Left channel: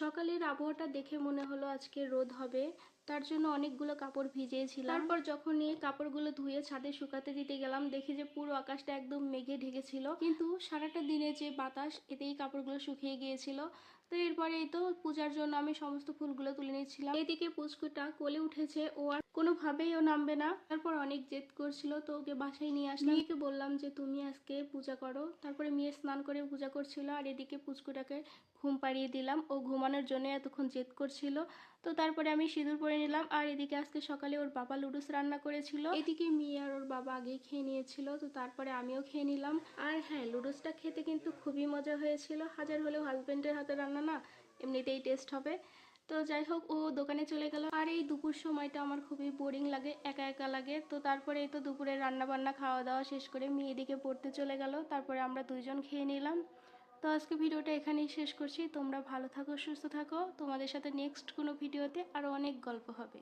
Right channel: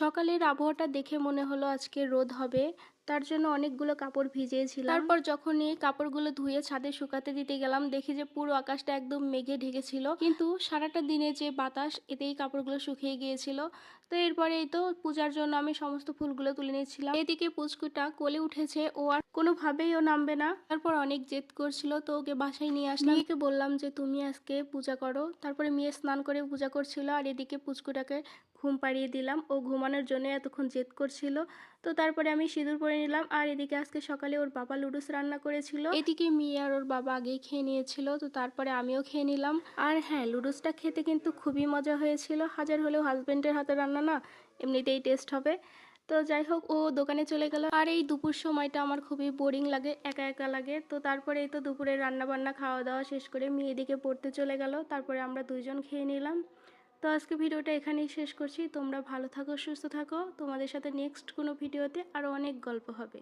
সকালের আবহাওয়াটা দেখে মনে হলো আজকে রোদ হবে, তার জন্য অনেকগুলো কাপড় ভিজিয়েছিলাম। তারপর যখনই কাপড়গুলো ধুয়ে ছাদে শুকাতে দিতে গেলাম, দেখি যে পুরো আকাশটা একদম মেঘে ঢেকেছিল, কিন্তু সারাটা দিনে যে বাতাস এতেই কাপড়গুলো শুকিয়ে গিয়েছিল। তো এরপরেই তো পূজার জন্য আমি সমস্ত ফুলগুলো তুলে নিয়েছিলাম। এদিকে পুচকুটা কোলে উঠেছে, ও আর কোনোভাবেই ও নামবে না। তারপর অনেক জেদ করছিল, তো ওকে বাসায় নিয়ে আসলাম। মেয়েকে বললাম যে তুমি আজকে পূজা করো। তারপরে মেয়ে স্নান করে পূজা করছিল, আর এদিকে পুচকুটাকে ঘুম পাড়িয়ে দিলাম। ও ঘুমানোর জন্য এতক্ষণ জেদ করছিল। তো তারপরে আমি সিঁদুর পরে নিলাম, আর এদিকে আজকে সকালে ওর বাবা লুডুস রান্না করেছিল। এদিকে মেয়ে আর ওর বাবা আগেই খেয়ে নিয়েছিল, তো তারপরে আমিও খেয়ে নিলাম। আর হ্যাঁ, লুডুসটা খেতে কিন্তু খুবই মজা হয়েছিল। হাজার হলেও হাজবেন্ডের হাতে রান্না না, এমনিতেই টেস্ট হবে। তো যাই হোক, ও দোকানে চলে গেল। আর এই দুপুর সময়টা আমার খুবই বোরিং লাগে, একা একা লাগে। তো তারপরে এই তো দুপুরে রান্না বান্না খাওয়া দাওয়া শেষ করে মেয়ে এদিকে পড়তে চলে গেল। তারপরে আমরা দুইজন খেয়ে নিলাম। তো আজকে ভিডিওটা এখানেই শেষ করছি। তোমরা ভালো থাকো, সুস্থ থাকো। তোমাদের সাথে নেক্সট কোনো ভিডিওতে আরও অনেক গল্প হবে।